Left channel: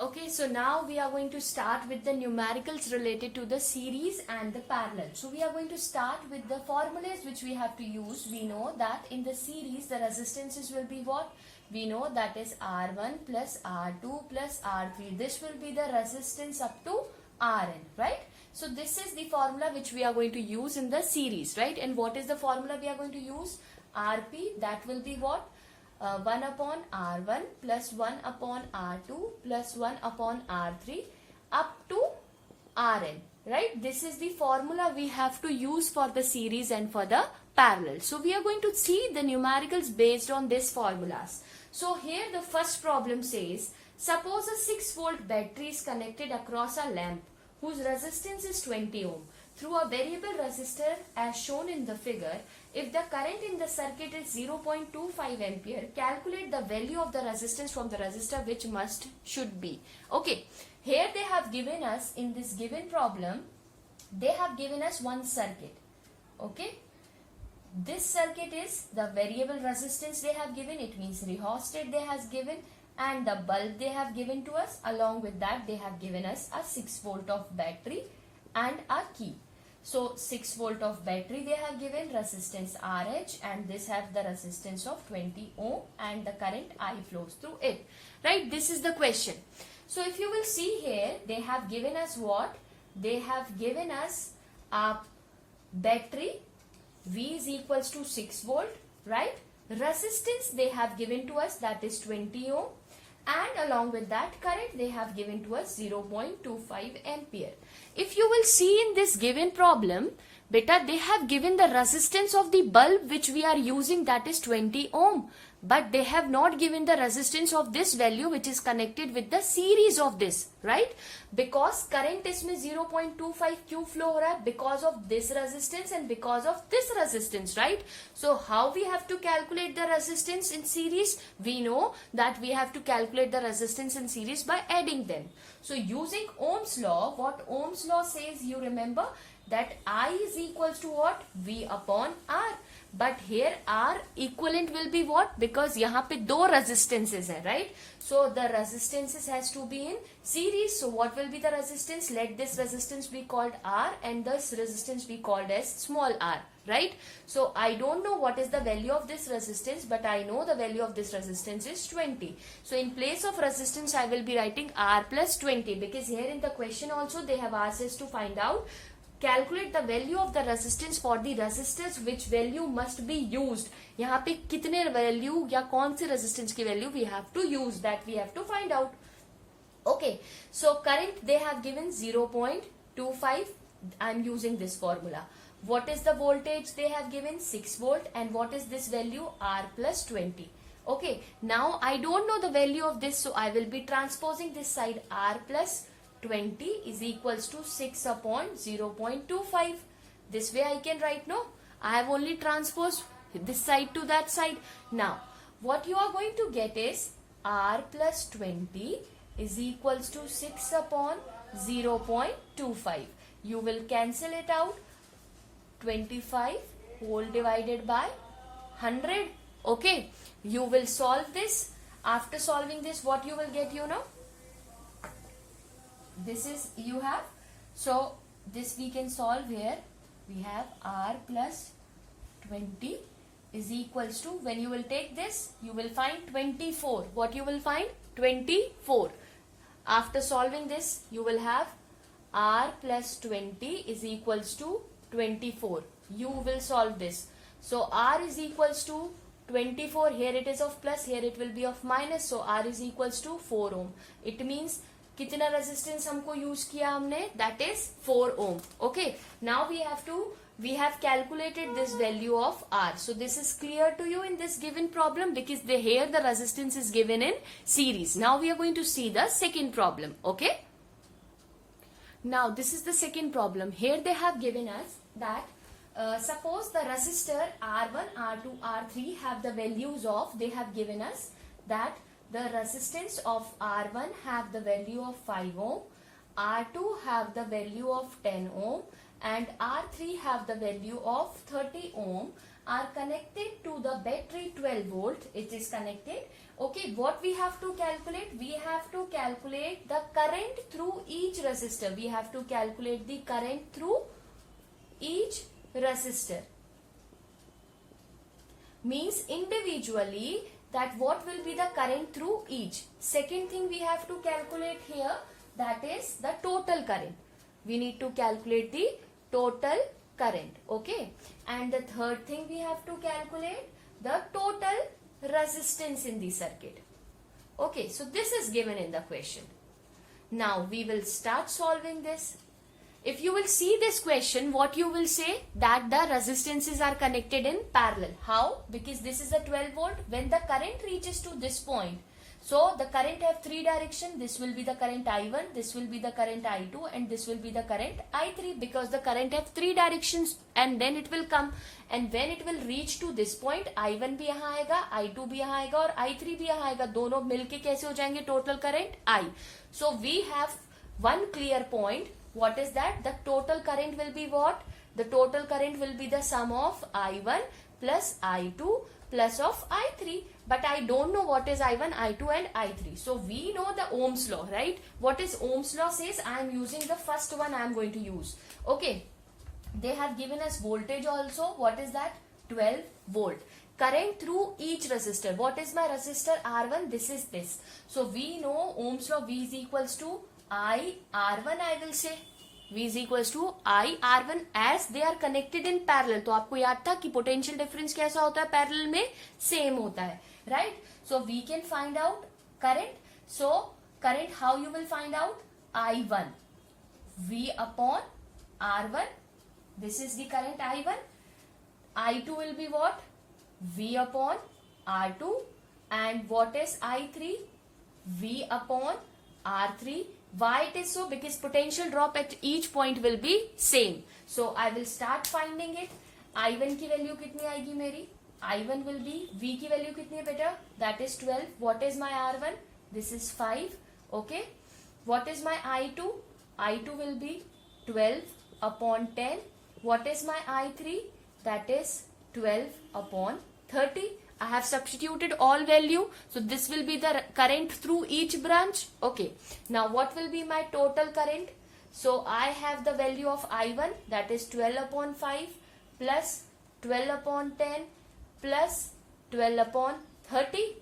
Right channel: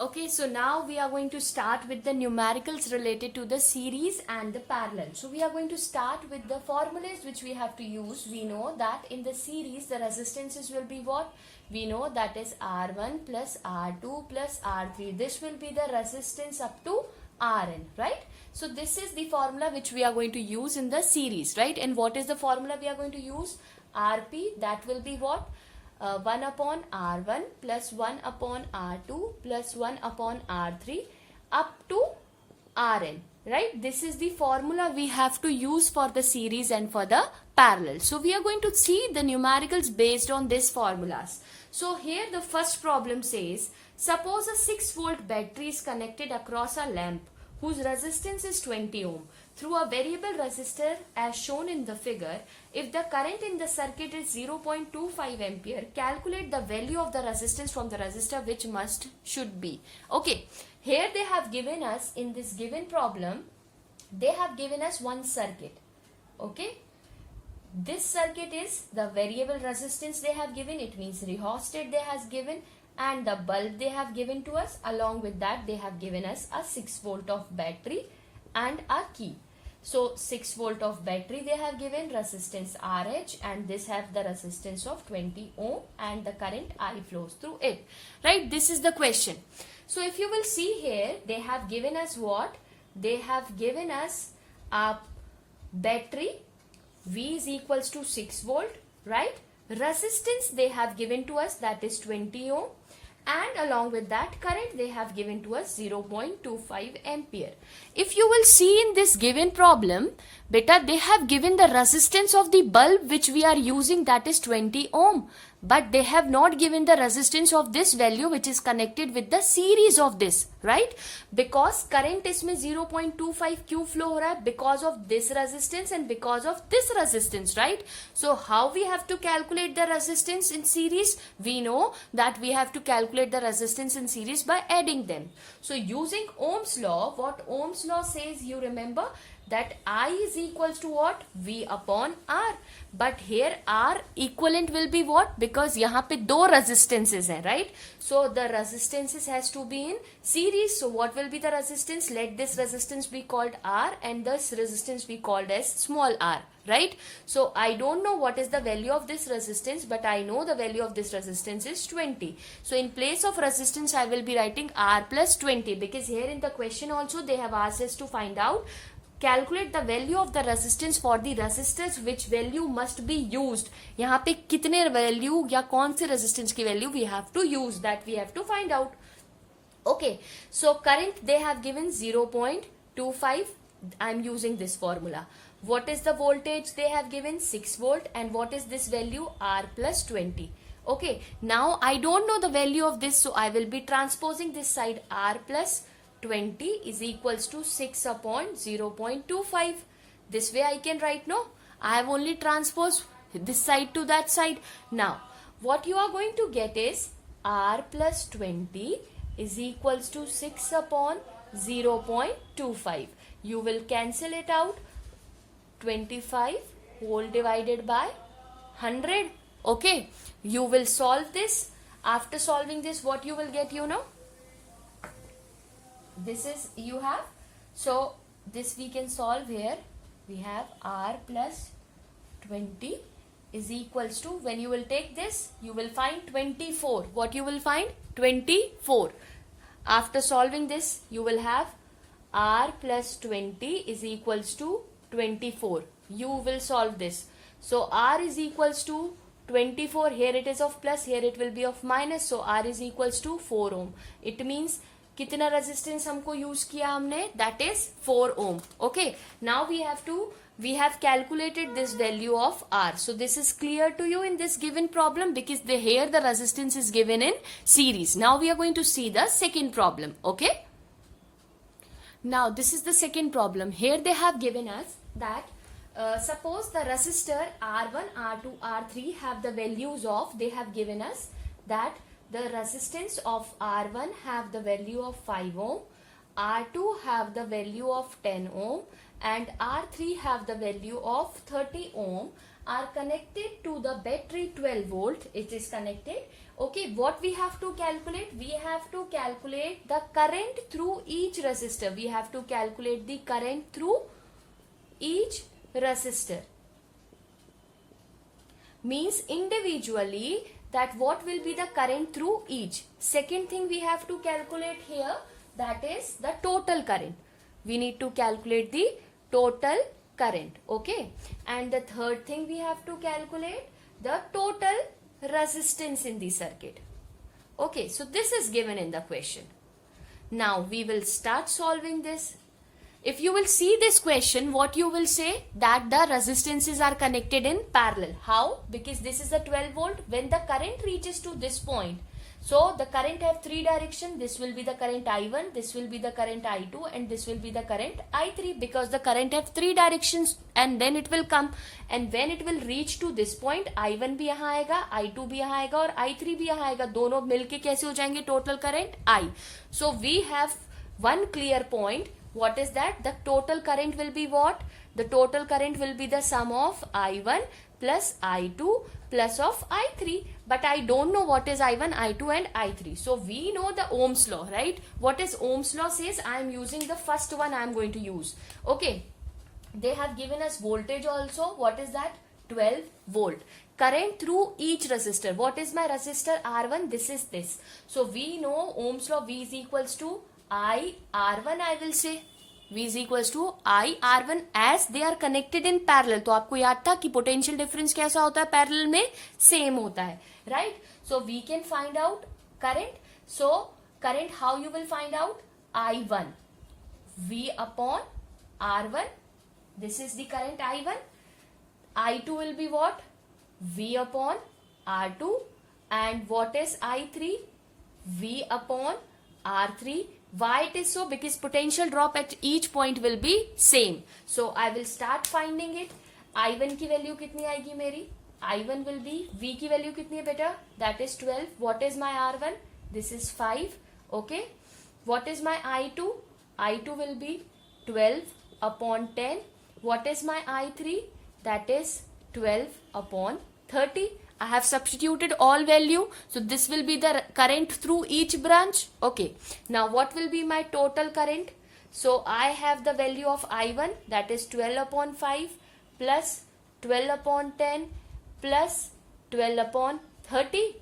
Okay, so now we are going to start with the numericals related to the series and the parallel. So we are going to start with the formulas which we have to use. We know that in the series the resistances will be what? We know that is R1 plus R2 plus R3. This will be the resistance up to Rn, right? So this is the formula which we are going to use in the series, right? And what is the formula we are going to use? Rp, that will be what? 1 upon R1 plus 1 upon R2 plus 1 upon R3 up to Rn, right? This is the formula we have to use for the series and for the parallel. So we are going to see the numericals based on these formulas. So here the first problem says, suppose a 6-volt battery is connected across a lamp whose resistance is 20 ohm. Through a variable resistor as shown in the figure, if the current in the circuit is 0.25 ampere, calculate the value of the resistance from the resistor which should be. Okay, here they have given us, in this given problem, they have given us one circuit. Okay, this circuit is the variable resistance they have given, it means rheostat they has given, and the bulb they have given to us. Along with that they have given us a 6-volt of battery and a key. So 6-volt of battery they have given, resistance RH, and this has the resistance of 20 ohm and the current I flows through it, right? This is the question. So if you will see here, they have given us what? They have given us a battery, V is equals to 6 volt, right? Resistance they have given to us, that is 20 ohm, and along with that current they have given to us 0.25 ampere. If you will see in this given problem, beta, they have given the resistance of the bulb which we are using, that is 20 ohm, but they have not given the resistance of this value which is connected with the series of this, right? Because current इसमें 0.25 क्यों flow हो रहा है? Because of this resistance and because of this resistance, right? So how we have to calculate the resistance in series? We know that we have to calculate the resistance in series by adding them. So using Ohm's law, what Ohm's law says, you remember that I is equals to what? V upon R. But here R equivalent will be what? Because यहाँ पे दो resistances हैं, right? So the resistances has to be in series. So what will be the resistance? Let this resistance be called R and this resistance be called as small r, right? So I don't know what is the value of this resistance, but I know the value of this resistance is 20. So in place of resistance I will be writing R plus 20, because here in the question also they have asked us to find out, calculate the value of the resistance for the resistors which value must be used. यहाँ पे कितने value या कौन से resistance की value we have to use, that we have to find out. Okay, so current they have given 0.25. I am using this formula. What is the voltage they have given? 6 volt. And what is this value? R plus 20. Okay, now I don't know the value of this, so I will be transposing this side. R plus 20 is equals to 6 upon 0.25. This way I can write, no? I have only transposed this side to that side. Now, what you are going to get is R plus 20 is equals to 6 upon 0.25. You will cancel it out. 25 whole divided by 100. Okay, you will solve this. After solving this, what you will get, you know? This is you have, so this we can solve here. We have R plus 20 is equals to, when you will take this, you will find 24. What you will find? 24. After solving this, you will have R plus 20 is equals to 24. You will solve this. So R is equals to 24. Here it is of plus, here it will be of minus. So R is equals to 4 ohm. It means कितना resistance हमको use किया हमने, that is 4 ohm. Okay, now we have calculated this value of R. So this is clear to you in this given problem, because here the resistance is given in series. Now we are going to see the second problem. Okay, now this is the second problem. Here they have given us that suppose the resistor R1, R2, R3 have the values of, they have given us that the resistance of R1 have the value of 5 ohm, R2 have the value of 10 ohm, and R3 have the value of 30 ohm. are connected to the battery 12 volt. It is connected. Okay, what we have to calculate? We have to calculate the current through each resistor. We have to calculate the current through each resistor. Means individually that what will be the current through each. Second thing we have to calculate here, that is the total current. We need to calculate the total current. Okay, and the third thing we have to calculate the total resistance in the circuit. Okay, so this is given in the question. Now we will start solving this. If you will see this question, what you will say, that the resistances are connected in parallel. How? Because this is a 12 volt. When the current reaches to this point, so the current have three direction. This will be the current I1, this will be the current I2, and this will be the current I3, because the current have three directions, and then it will come, and when it will reach to this point, I1 भी यहाँ आएगा, I2 भी यहाँ आएगा और I3 भी यहाँ आएगा. दोनों मिलके कैसे हो जाएंगे? Total current I. So we have one clear point. What is that? The total current will be what? The total current will be the sum of I1 plus I2 plus of I3. But I don't know what is I1, I2 and I3. So we know the Ohm's law, right? What is Ohm's law says? I am using the first one I am going to use. Okay. They have given us voltage also. What is that? 12 volt. Current through each resistor. What is my resistor? R1. This is this. So we know Ohm's law. V is equals to I R1 I will say. V is equals to I R1 as they are connected in parallel. तो आपको याद था कि potential difference कैसा होता है? Parallel में same होता है, right? So we can find out current. So current how you will find out? I1 V upon R1. This is the current I1. I2 will be what? V upon R2. And what is I3? V upon R3. Why it is so? Because potential drop at each point will be same. So I will start finding it. I1 की value कितनी आएगी मेरी? I1 will be, V की value कितनी है बेटा? That is 12. What is my R1? This is 5. Okay. What is my I2? I2 will be 12 upon 10. What is my I3? That is 12 upon 30. I have substituted all value. So this will be the current through each branch. Okay. Now what will be my total current? So I have the value of I1, that is 12 upon 5 plus 12 upon 10 plus 12 upon 30.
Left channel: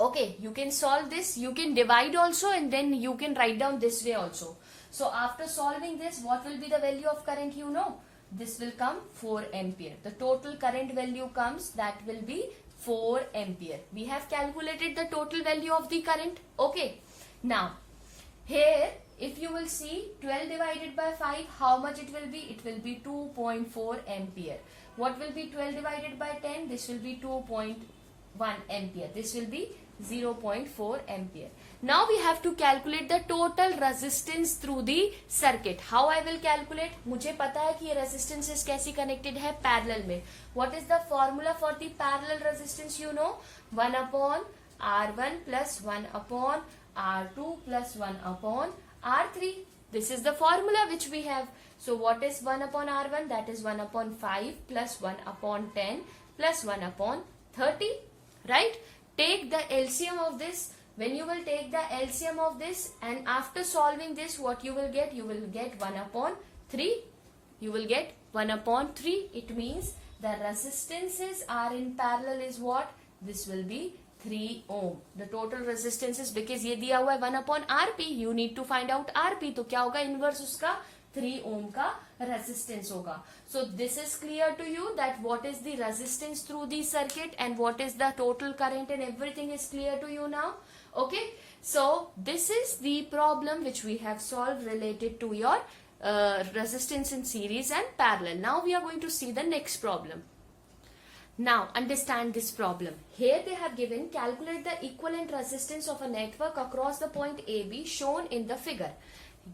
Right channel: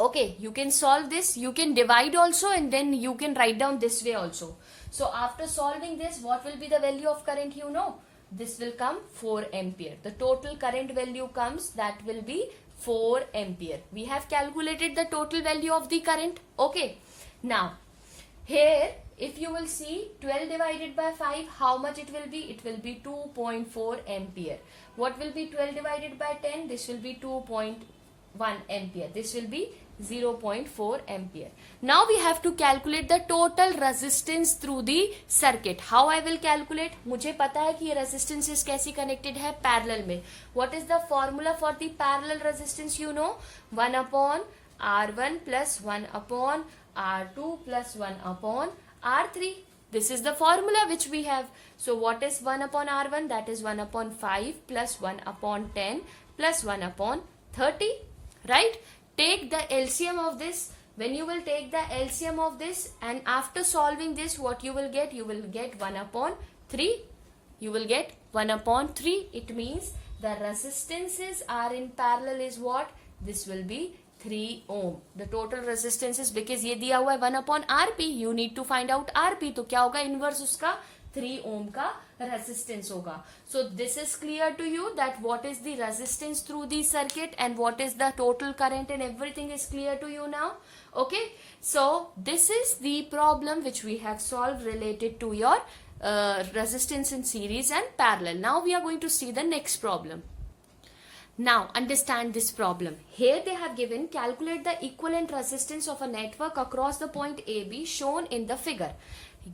Okay, you can solve this. You can divide also, and then you can write down this way also. So after solving this, what will be the value of current? You know, this will come 4 ampere. The total current value comes, that will be 4 ampere. We have calculated the total value of the current. Okay. Now, here if you will see 12 divided by 5, how much it will be? It will be 2.4 ampere. What will be 12 divided by 10? This will be 2.1 ampere. This will be 0.4 ampere. Now we have to calculate the total resistance through the circuit. How I will calculate? मुझे पता है कि ये resistances कैसी connected है? Parallel में. What is the formula for the parallel resistance? You know, 1 upon R1 plus 1 upon R2 plus 1 upon R3. This is the formula which we have. So what is 1 upon R1? That is 1 upon 5 plus 1 upon 10 plus 1 upon 30. Right? Take the LCM of this. When you will take the LCM of this, and after solving this, what you will get? You will get 1 upon 3. You will get 1 upon 3. It means the resistances are in parallel is what? This will be 3 ohm. The total resistance is, because ये दिया हुआ है 1 upon RP. You need to find out RP. तो क्या होगा? Inverse उसका 3 ohm का resistance होगा. So this is clear to you that what is the resistance through the circuit and what is the total current, and everything is clear to you now. Okay. So this is the problem which we have solved related to your resistance in series and parallel. Now we are going to see the next problem. Now understand this problem. Here they have given, calculate the equivalent resistance of a network across the point AB shown in the figure.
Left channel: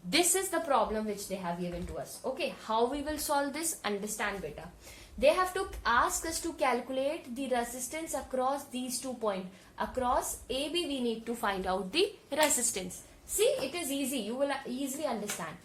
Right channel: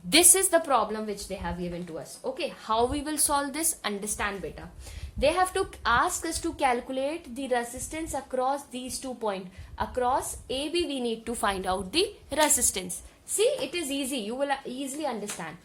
This is the problem which they have given to us. Okay, how we will solve this? Understand better. They have to ask us to calculate the resistance across these 2 points. Across AB we need to find out the resistance. See, it is easy. You will easily understand.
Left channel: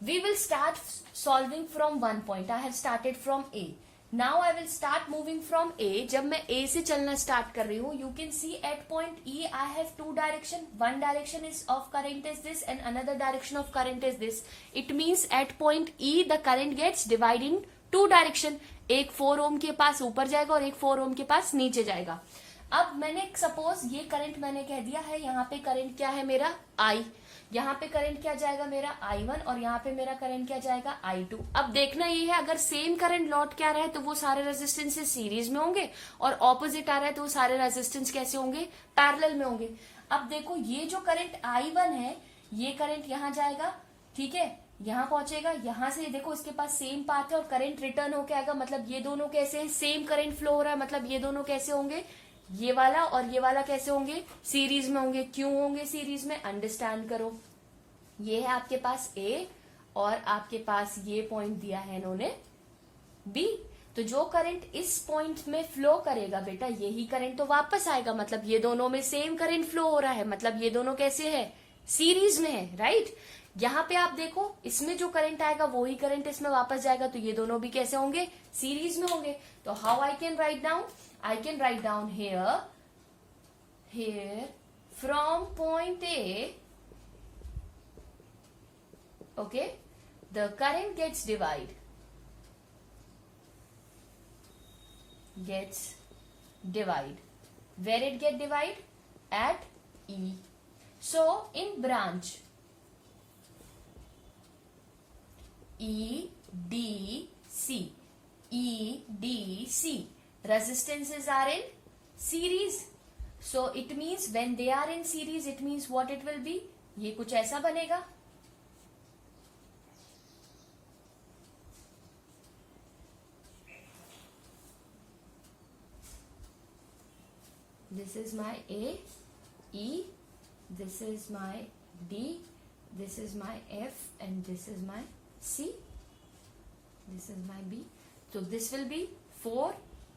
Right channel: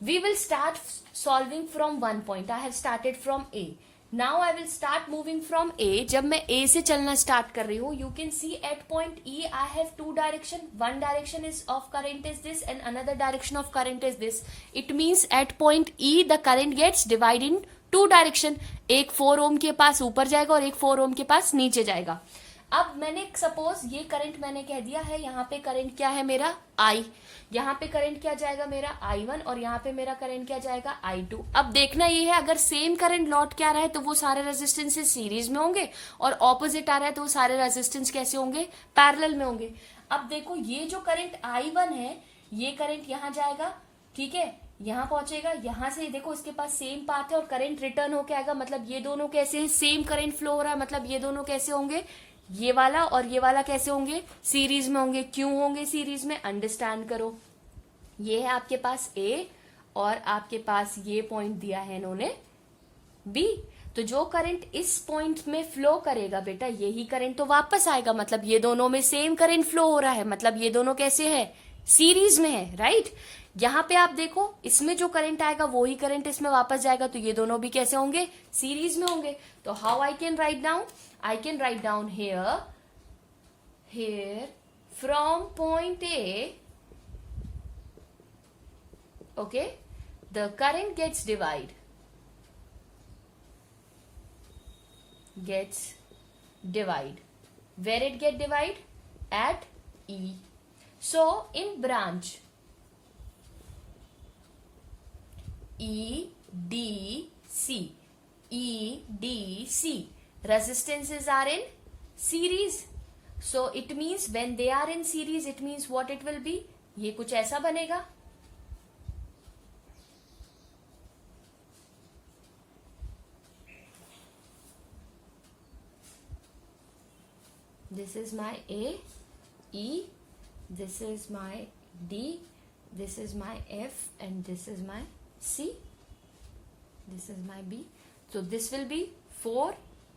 We will start solving from one point. I have started from A. Now I will start moving from A. जब मैं A से चलना start कर रही हूँ, you can see at point E I have two direction. One direction is of current is this and another direction of current is this. It means at point E the current gets divide in two direction. एक 4 ओम के पास ऊपर जाएगा और एक 4 ओम के पास नीचे जाएगा. अब मैंने सपोज ये करंट मैंने कह दिया है, यहाँ पे करंट क्या है मेरा I, यहाँ पे करंट क्या जाएगा मेरा I1 और यहाँ पे मेरा करंट क्या जाएगा I2. अब देखना ये है, अगर सेम करंट लौट के आ रहा है तो वो सारे रेजिस्टेंसेस सीरीज में होंगे और ऑपोजिट आ रहा है तो वो सारे रेजिस्टेंस कैसे होंगे, पैरेलल में होंगे. अब देखो ये जो करंट I1 है, ये करंट यहाँ जाएगा, ठीक है, यहाँ पहुंचेगा, यहाँ से देखो उसके पास सेम पाथ है और करंट रिटर्न होके आएगा. मतलब ये दोनों कैसे सेम करंट फ्लो हो रहा है, मतलब ये दोनों कैसे होंगे, ये वाला और ये वाला कैसे होंगे, सीरीज में होंगे. क्यों होंगे सीरीज में, अंडरस्टैंड करो. ये है आपके पास ए और आपके पास ये पॉइंट दिया है इन्होंने बी. तो जो करंट इस पॉइंट में फ्लो करेगा बेटा, यही करंट तो वापस आएगा. मतलब ये दोनों में सेम करंट फ्लो हो रहा है, मतलब ये दोनों कैसे है, सीरीज में है, राइट. यहाँ पे आप देखो, इसमें जो करंट आएगा वही करंट इसमें वापस जाएगा, तो ये दोनों भी कैसे होंगे, सीरीज में होंगे. तो how I can write down, I can write down here from point A, okay, the current gets divide. Where it get divide? At E. So in branch EDC, resistances are in series. So it means when they are in series, it means what it will be, ये कुछ ऐसा बनेगा. This is my A, E, this is my D, this is my F and this is my C, this is my B. So this will be 4,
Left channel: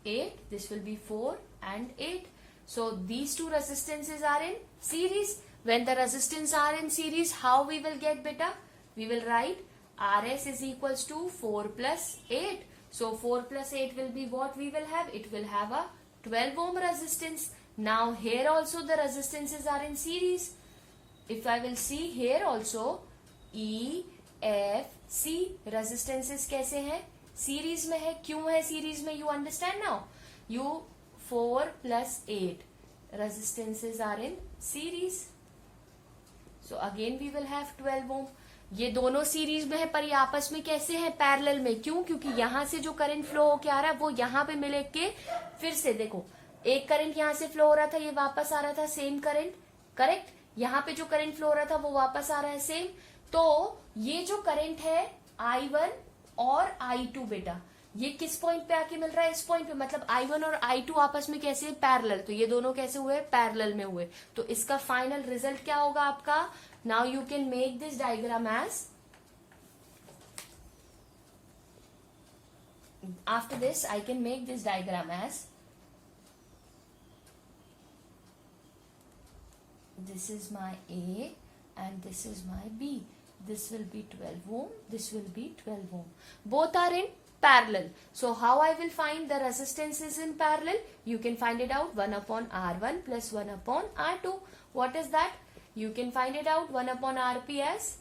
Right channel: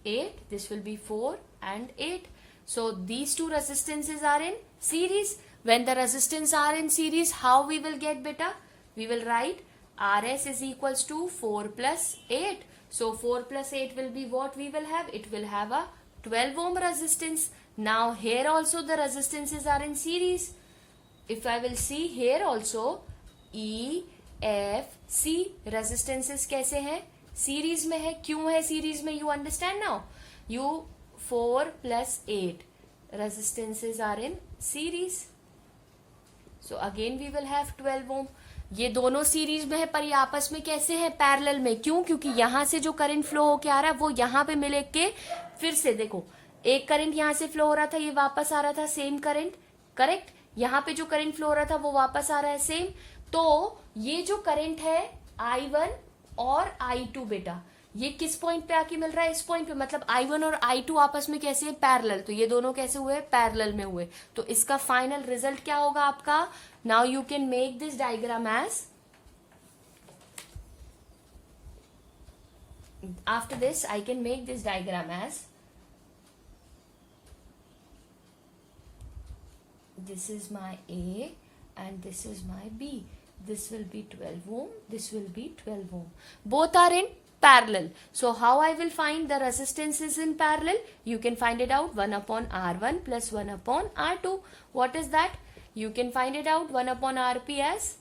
8, this will be 4 and 8. So these two resistances are in series. When the resistance are in series, how we will get beta? We will write RS is equals to 4 plus 8. So 4 plus 8 will be what we will have? It will have a 12 ohm resistance. Now here also the resistances are in series. If I will see here also, E, F, C resistances कैसे हैं? Series में है. क्यों है series में, you understand now. You 4 plus 8 resistances are in series. So again we will have 12 ohm. ये दोनों series में है पर ये आपस में कैसे है, पैरेलल में. क्यों, क्योंकि यहाँ से जो करंट फ्लो होके आ रहा है वो यहाँ पे मिले के फिर से देखो, एक करंट यहाँ से फ्लो हो रहा था, ये वापस आ रहा था सेम करंट, करेक्ट. यहाँ पे जो करंट फ्लो हो रहा था वो वापस आ रहा है सेम. तो ये जो करंट है I1 और I2 बेटा, ये किस पॉइंट पे आके मिल रहा है, इस पॉइंट पे. मतलब I1 और I2 आपस में कैसे है, पैरेलल. तो ये दोनों कैसे हुए, पैरेलल में हुए. तो इसका फाइनल रिजल्ट क्या होगा आपका. Now you can make this diagram as, after this I can make this diagram as, this is my A and this is my B. This will be 12 ohm, this will be 12 ohm. Both are in parallel. So how I will find the resistance in parallel? You can find it out, 1 upon R1 plus 1 upon R2. What is that? You can find it out, 1 upon RP as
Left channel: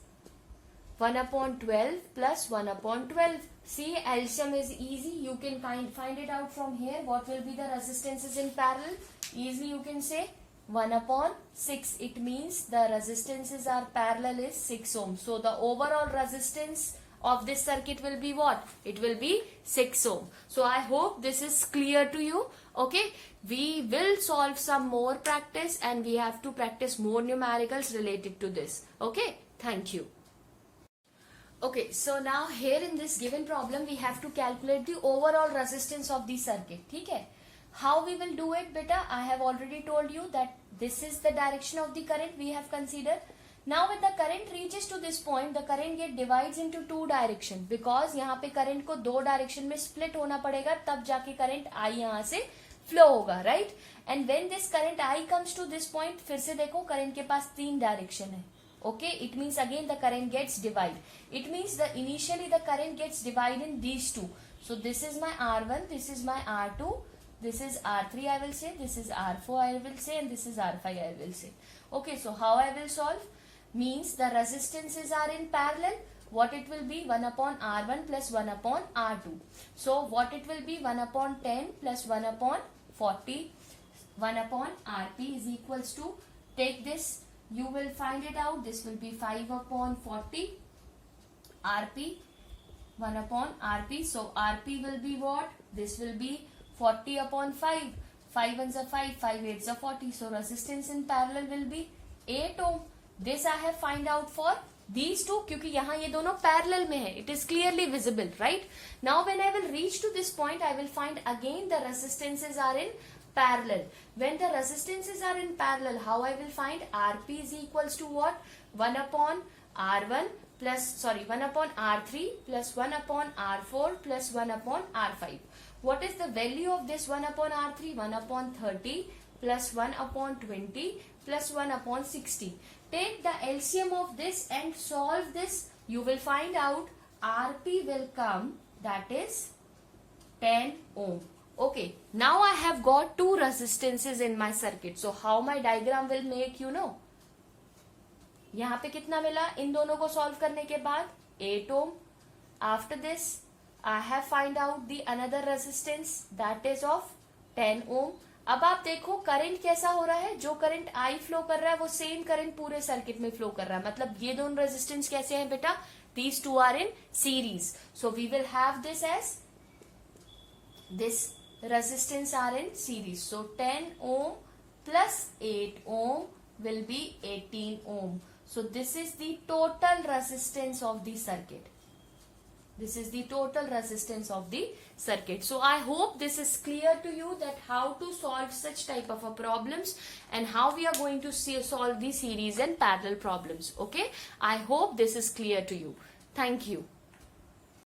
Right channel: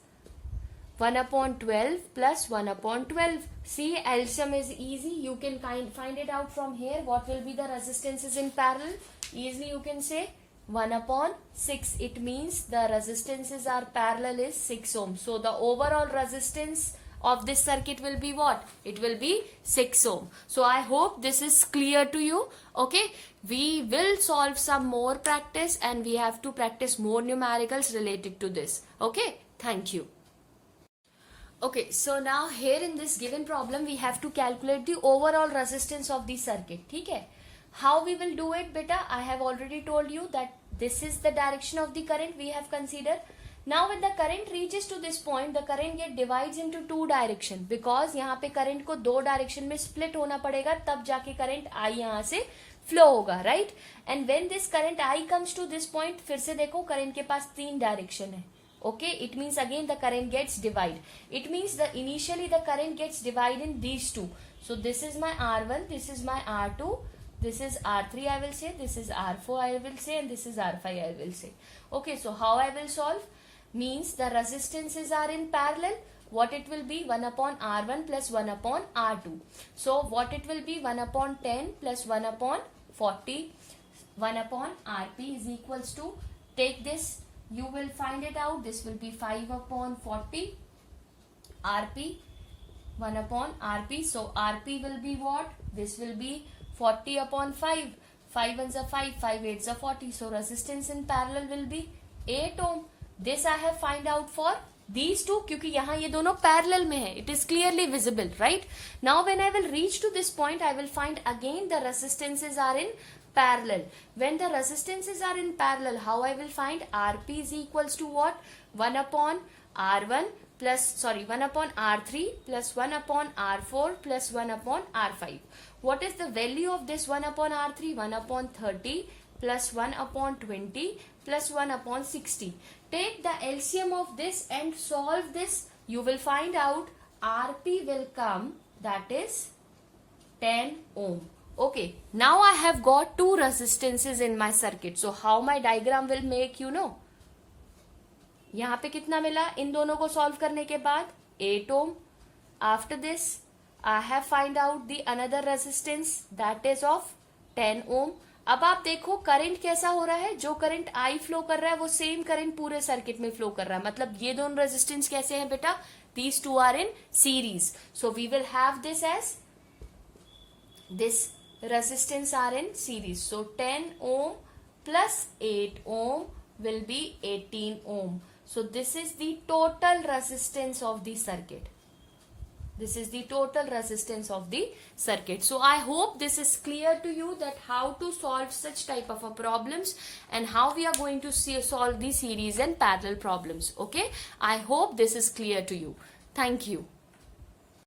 1 upon 12 plus 1 upon 12. See, LCM is easy. You can find it out from here. What will be the resistances in parallel? Easily you can say 1 upon 6. It means the resistances are parallel is 6 ohm. So the overall resistance of this circuit will be what? It will be 6 ohm. So I hope this is clear to you. Okay. We will solve some more practice and we have to practice more numericals related to this. Okay. Thank you. Okay. So now here in this given problem we have to calculate the overall resistance of the circuit. ठीक है. How we will do it beta, I have already told you that this is the direction of the current we have considered. Now when the current reaches to this point, the current get divides into two direction, because यहाँ पे current को दो direction में split होना पड़ेगा, तब जाके current I यहाँ से flow होगा, right? And when this current I comes to this point, फिर से देखो current के पास तीन direction है. Okay, it means again the current gets divided. It means the initially the current gets divided in these two. So this is my R1, this is my R2, this is R3 I will say, this is R4 I will say, and this is R5 I will say. Okay, so how I will solve? Means the resistances are in parallel. What it will be? 1 upon R1 plus 1 upon R2. So what it will be? 1 upon 10 plus 1 upon 40. 1 upon Rp is equals to, take this, you will find it out. This will be 5 upon 40 Rp, 1 upon Rp. So Rp will be what? This will be 40 upon 5. 5 ones are 5, 5 eights are 40. So resistance in parallel will be 8 ohm. This I have find out for these two, क्योंकि यहाँ ये दोनों parallel में है. It is clearly visible, right? Now when I will reach to this point, I will find again the resistances are in parallel. When the resistances are in parallel, how I will find? Rp is equals to what? 1 upon R1 plus, 1 upon R3 plus 1 upon R4 plus 1 upon R5. What is the value of this 1 upon R3? 1 upon 30 plus 1 upon 20 plus 1 upon 60. Take the LCM of this and solve this. You will find out Rp will come, that is 10 ohm. Okay, now I have got two resistances in my circuit. So how my diagram will make, you know? यहाँ पे कितना मिला इन दोनों को solve करने के बाद? 8 ohm. After this, I have find out the another resistance that is of 10 ohm. अब आप देखो करंट कैसा हो रहा है. जो करंट I फ्लो कर रहा है वो सेम करंट पूरे सर्किट में फ्लो कर रहा है. मतलब ये दोनों रेजिस्टेंस कैसे हैं बेटा? These two are in series. So we will have this as this resistance are in series. So 10 ohm plus 8 ohm will be 18 ohm. So this is the total resistance of the circuit. This is the total resistance of the circuit. So I hope this is clear to you that how to solve such type of a problems and how we are going to solve the series and parallel problems. Okay. I hope this is clear to you. Thank you.